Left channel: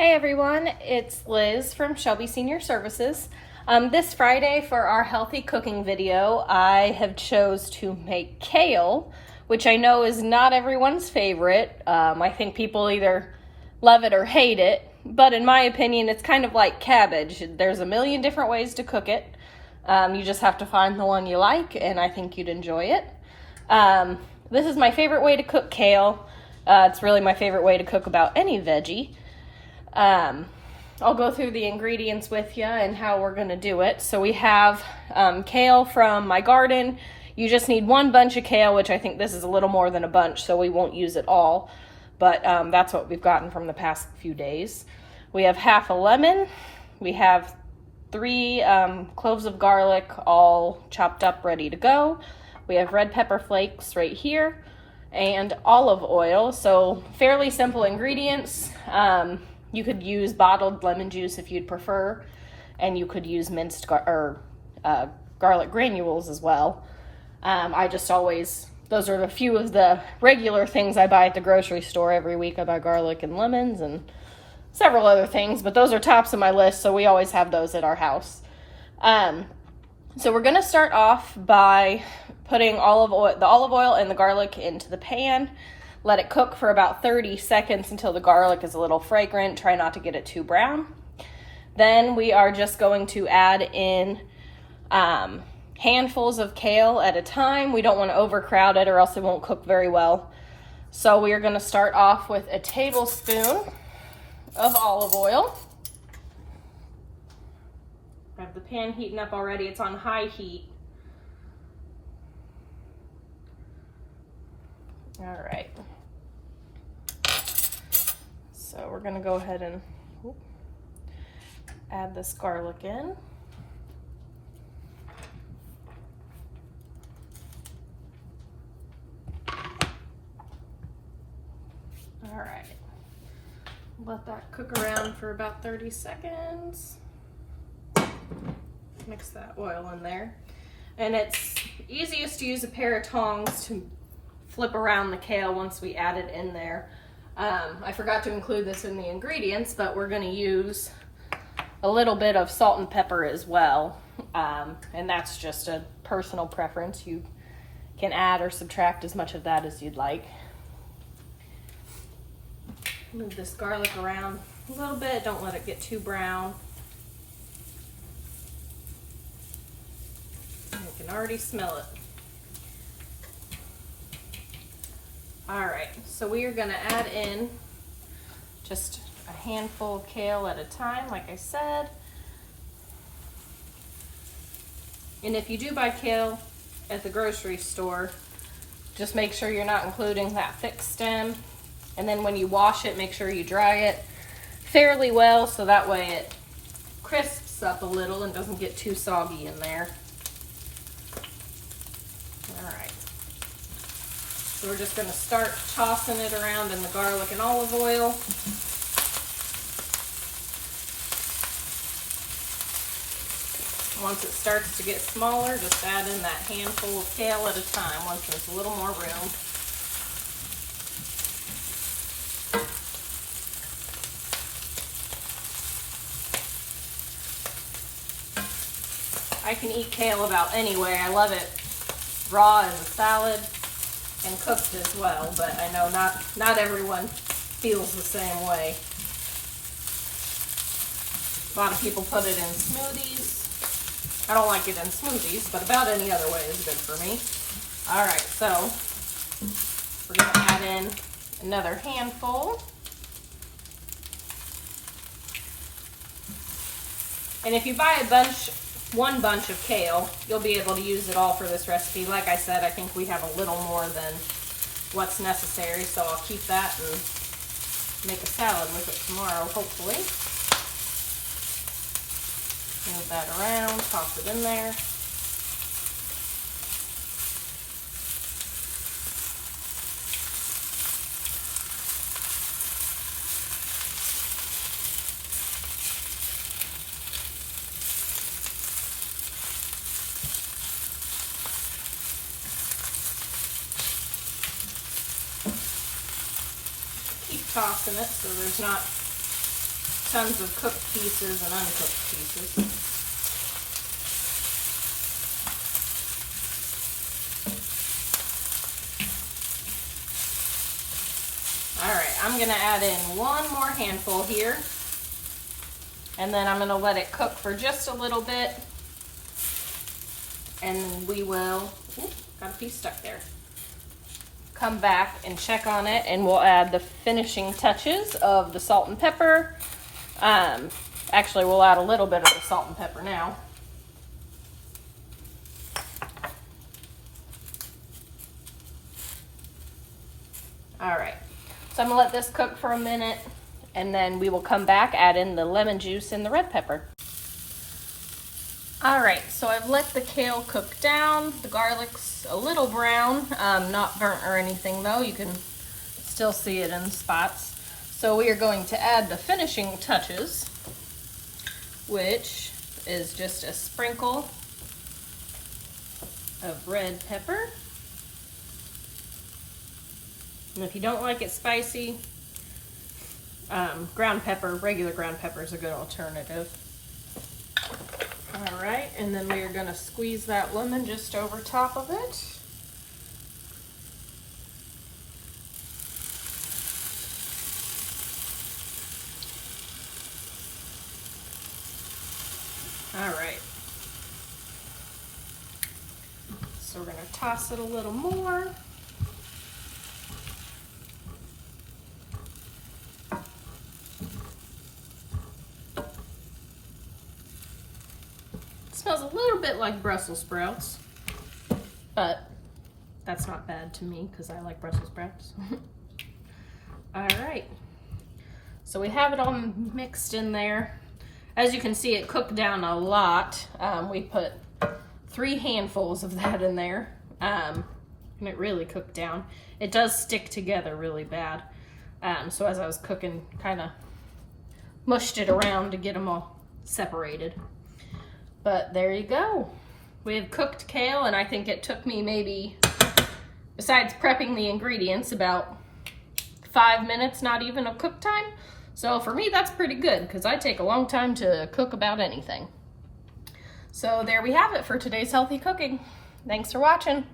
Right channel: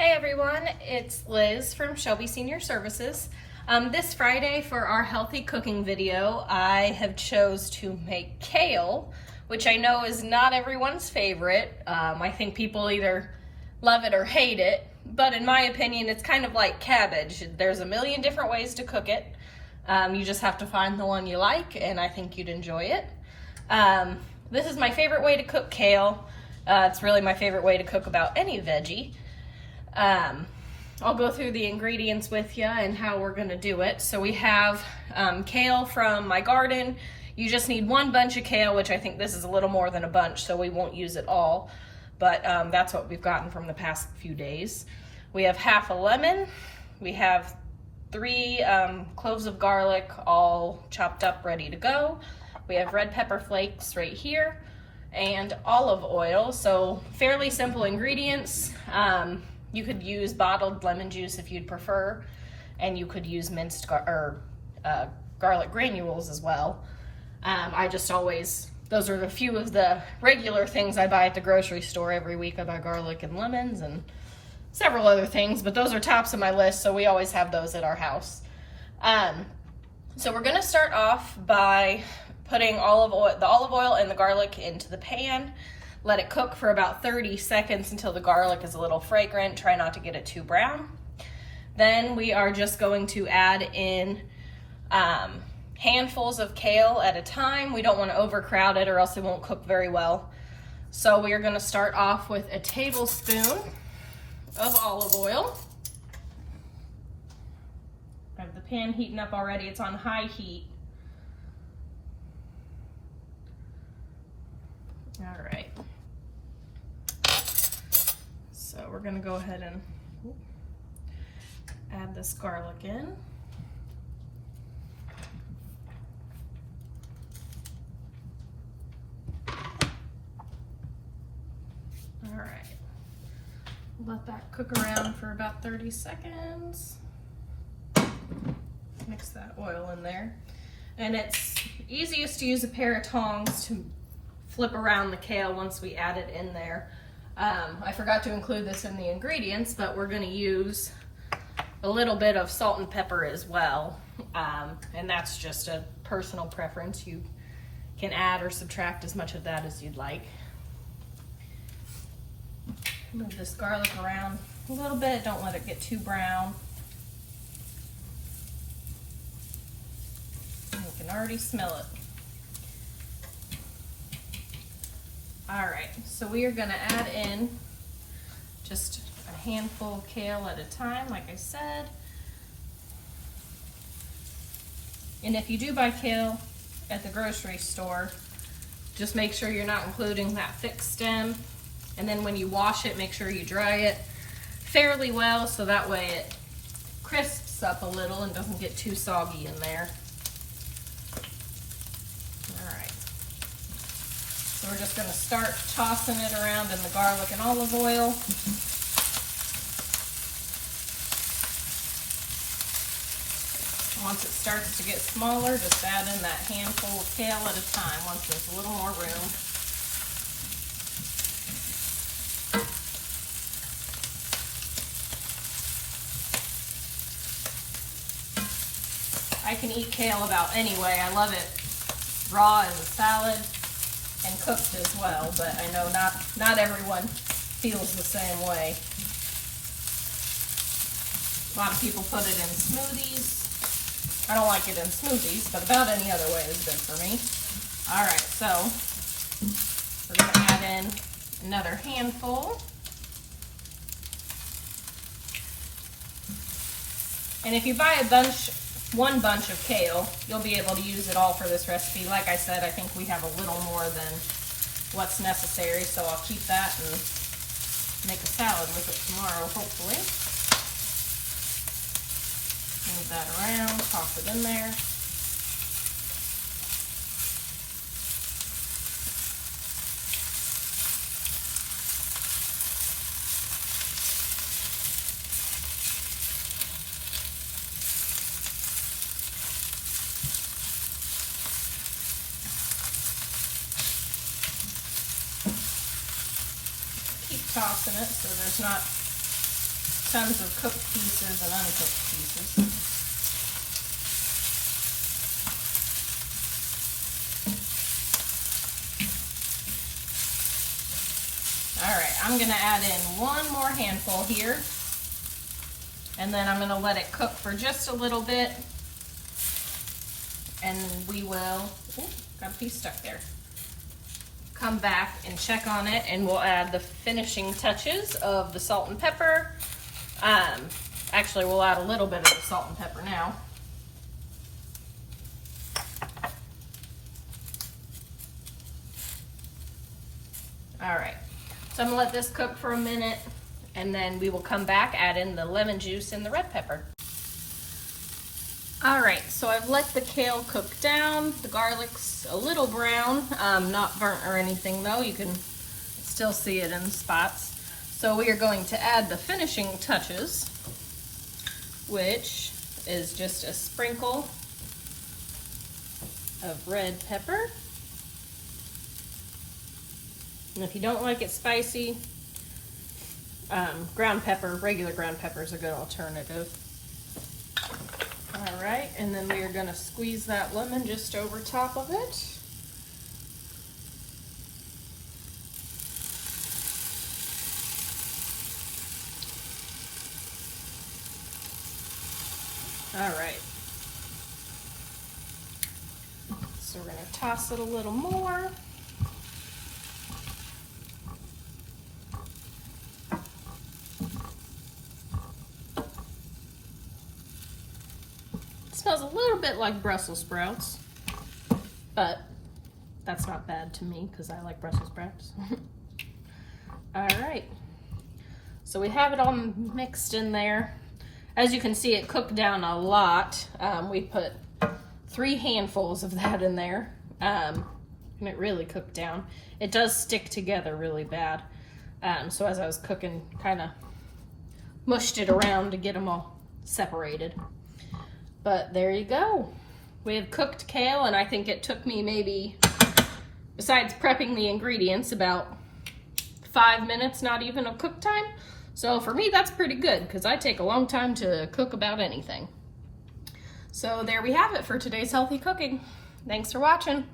Hey everyone, it's Liz from Shelby Senior Services. This Friday for our healthy cooking video, I have chose to make kale, which I know is not everyone's favorite. I think people either love it or hate it, but in my opinion, it's kind of like cabbage. There's a million different ways to cook it. You just have to find the one you like, and I think you'd enjoy it. This is my favorite way to cook kale. It's really my favorite way to cook about any veggie. I'll go through the ingredients with you and how we're gonna do it. So we have kale from my garden. You just need one bunch of kale, which I think this is a little more than a bunch, so we won't use it all. But that's what we've gotten from the past few days. We have half a lemon. We have 3 cloves of garlic, all chopped up, ready to go. We have red pepper flakes right here, and olive oil. So fairly simple ingredients. You could use bottled lemon juice if you'd prefer, and you could use minced garlic granules as well. Those are a few of the regular things I buy at the grocery store every week. I buy garlic and lemons and several other things, but those are tops of my list, so we always have those at our house. So we're gonna start off by putting the olive oil and the garlic into the pan. Let it cook for about 30 seconds until the garlic is a little fragrant. Try not to get it too brown. Then we are just going to add in handfuls of kale at a time. We don't want to overcrowd it or else it won't cook very well. So we are going to start off with a tablespoon of olive oil. I have the pan heating up already. It's on high heat. All right. So we're gonna go ahead and add this garlic in. All right. Let that cook around for about 30 seconds. Mix that oil in there. And it's easiest to use a pair of tongs to flip around the kale once we add it in there. I forgot to include this in the ingredients, but we're going to use a little bit of salt and pepper as well, and that's just a personal preference. You can add or subtract as much of that as you'd like. Move this garlic around a little bit, don't let it get too brown. You can already smell it. All right, so we are gonna add in just a handful of kale at a time, like I said. And if you do buy kale at the grocery store, just make sure you're not including that thick stem. And then when you wash it, make sure you dry it fairly well so that way it crisps up a little and doesn't get too soggy in there. So we're just going to start tossing it around in the garlic and olive oil. Once it starts to get smaller, just add in that handful of kale at a time once there's a little more room. I can eat kale about any way. I love it raw as a salad and cooked as well, but I know not everyone feels the same way. A lot of people put it in smoothies. I don't like it in smoothies, but about any other way is good for me. All right, so we're gonna add in another handful. And if you buy one bunch of kale, you'll be able to use it all for this recipe. Like I said, I think we have a little more than what's necessary, so I'll keep that and make a salad with it tomorrow, hopefully. Move that around, toss it in there. Tossing it so there's not tons of cooked pieces and uncooked pieces. All right, I'm gonna add in one more handful here, and then I'm gonna let it cook for just a little bit, and we will, got a piece stuck there, come back and check on it, and we'll add the finishing touches of the salt and pepper. Actually, we'll add a little bit of the salt and pepper now. All right. So I'm gonna let this cook for a minute, and then we will come back, add in the lemon juice and the red pepper. All right, so I've let the kale cook down. The garlic's a little brown, not burnt or anything though. You can still see it in spots. So we are going to add the finishing touches, which is just a sprinkle of red pepper. And if you don't like it spicy, ground pepper, regular ground pepper is a good alternative. All right, and then we are gonna squeeze that lemon just over top of it. All right. So we're gonna toss it a little more. Smells a little bit like Brussels sprouts, but that's not bad to me because I like Brussels sprouts. All right, so we have it all mixed in there. As you can see, it cooked down a lot. We put 3 handfuls of that in there, and it really cooked down. It does stick together really bad. So as I was cooking, kind of mushed it around to get them all separated. But there you go. We have cooked kale, and I think it took me maybe, besides prepping the ingredients, about 5 minutes, not even of cook time. So for me, that's pretty good because I take a long time to cook about anything. So there we have it for today's healthy cooking. Thanks for watching.